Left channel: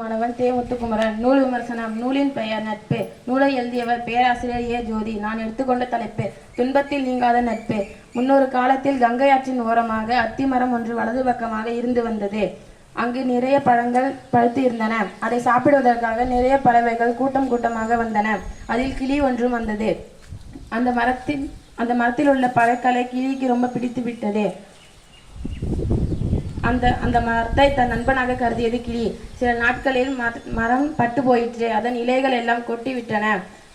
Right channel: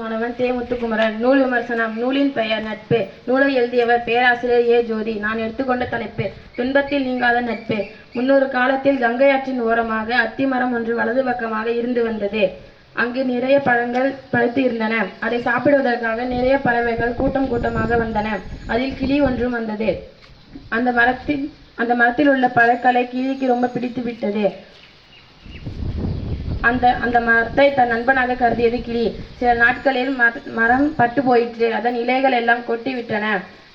மாணவன் தே. முத்துக்குமரன். நூல் விமர்சனம். நூலின் பெயர் நட்பு. நூலை எழுதியவர் பேராசிரியர் ஏ. ஜோதி. நான் எடுத்துக்கொண்ட தலைப்பு துன்பத்தில் நீங்காத நட்பு. முன்னொரு காலத்தில் கங்கை ஆற்றின் ஓரமாக அத்திமரம் ஒன்று வலது பக்கமாக இருந்து வந்தது. அங்கு நிறைய பழங்கள் பழுத்து இருந்தன. அதை சாப்பிடுவதற்காக நிறைய பறவைகள் கூட்டம் கூட்டமாக வந்தன. அதில் கிளி ஒன்றும் வந்தது. அந்த மரத்தில் உள்ள பழங்களை கிளிக்கு ரொம்ப பிடித்து விட்டது. அந்த மரத்தை தன் நண்பனாக கருதியது கிளி. சில நாட்களில் மரம் பட்டு போயிற்று. அதன் இலைகள் எல்லாம் கொட்டி விட்டன.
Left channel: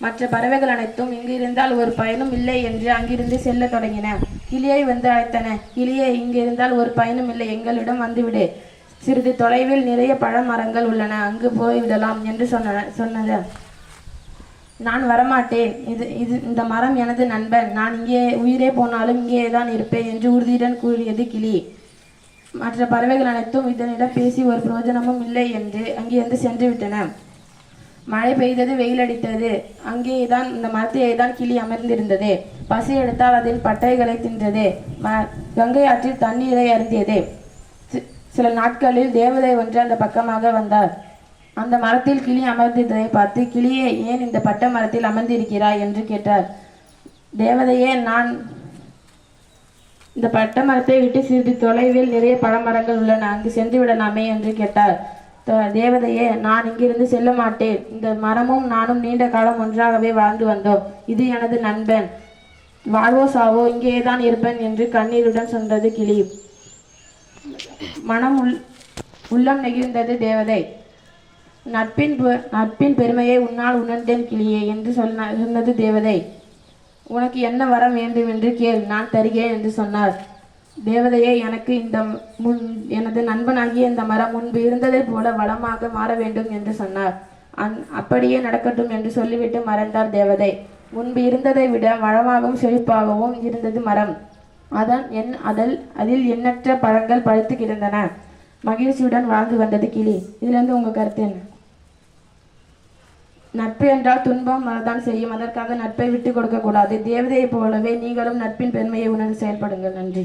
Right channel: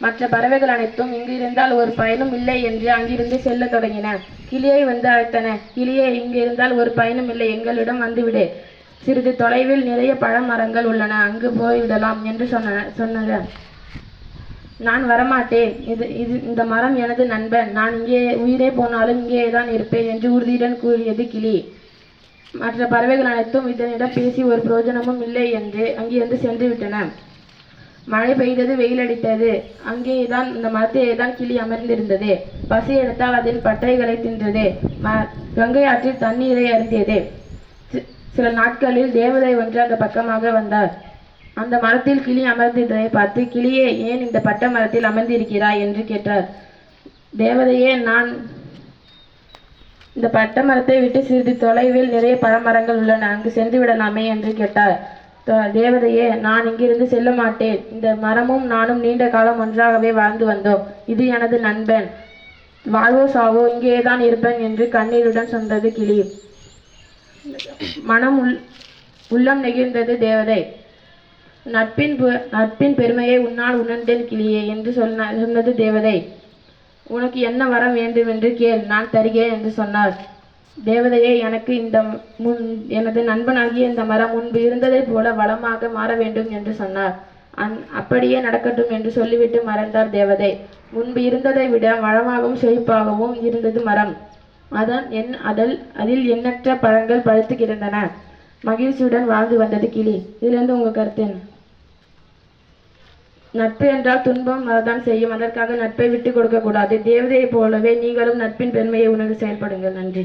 மற்ற பறவைகள் அனைத்தும் இங்கு இருந்தால் ஒரு பயனும் இல்லை என்று அங்கிருந்து செல்ல தொடங்கின. கிளியை வந்து அழைத்தன. கிளியே, இங்கு இருந்தால் ஒரு பயனும் இல்லை, எங்களிடம் வந்துவிடு. சிறிது தொலைவில் நிறைய பழமரங்கள் உள்ளன, அங்கு போய்விடலாம் என்று சொன்னது. நான் வரமாட்டேன். இந்த மரம் எனது நண்பன். நான் இங்கே உயிரே போனாலும் இங்கேதான் இருப்பேன் என்று உறுதியுடன் கூறியது கிளி. மற்ற பறவைகள் அனைத்தும் இதனிடம் பேசி ஒரு பிரயோஜனமும் இல்லை என்று அங்கிருந்து சென்று விட்டன. மழை பெய்தது, வெயில் அடித்தது. அங்கேதான் இந்த மரத்திலே தான் கிளி அமர்ந்திருந்தது. பசி எடுத்தால் அதன் பட்டைகளை தின்றது. கங்கை ஆற்றில் தண்ணீரை அருந்தியது. சில நாட்களில் தேவதை ஒன்று அந்த பக்கமாக வந்தார். அந்த மரத்தில் கிளி அமர்ந்திருந்ததை பார்த்து, கிளியே, ஏன் இந்த பட்ட மரத்தில் அமர்ந்திருக்கிறாய் என்று கேட்டார். தேவதையே, நான் இந்த பட்ட மரத்தை விட்டு சிறிது தொலைவில் நிறைய பழமரங்கள் உள்ளன, அங்கு சென்று விடலாமே என்று கேட்டார். தேவதையே, நான் இங்கிருந்து செல்ல மாட்டேன். இந்த மரமும் நானும் நீண்ட காலம் ஒன்றாகவே வாழ்ந்து வந்தோம். இது எனது நண்பன். வாழ்வோ சாவோ இங்கேதான் இருப்பேன் என்று கண்ணீருடன் சொன்னது கிளி. உள்ளம் நெகிழ்ந்தது தேவதை. நட்பின் பெருமையை உன்னால் உணர்ந்தேன் கிளியே என்று சொன்னது தேவதை. உனக்கு என்ன வரம் வேண்டும் என்று கேள், நான் தருகிறேன் என்று சொன்னார். தேவதையே, எனக்கு எனது நண்பனாகிய இந்த மரம் முன்பு இருந்ததை போல வளமாக மாற வேண்டும் என்று சொன்னார். அப்படியே நடக்கட்டும் என்று சொல்லிவிட்டு மறைந்தார் தேவதை. முன்பு இருந்ததை விட வளமாகவும் செழிப்பாகவும் இருந்தது மரம். அதில் எண்ணற்ற பழங்கள் பழுத்து கிடந்தன. மகிழ்ச்சியுடன் வாழ்ந்து வந்தது கிளி. இதிலிருந்து உங்க கருத்து என்ன? நட்பு என்றால் துன்பம் வரதான் செய்யும். அதற்காக நட்பை விட்டு கொடுக்க கூடாது. தேவதையை போலவே நீங்களும் நட்பின் பெருமையை உணர்ந்து செயல்படுங்கள். நன்றி.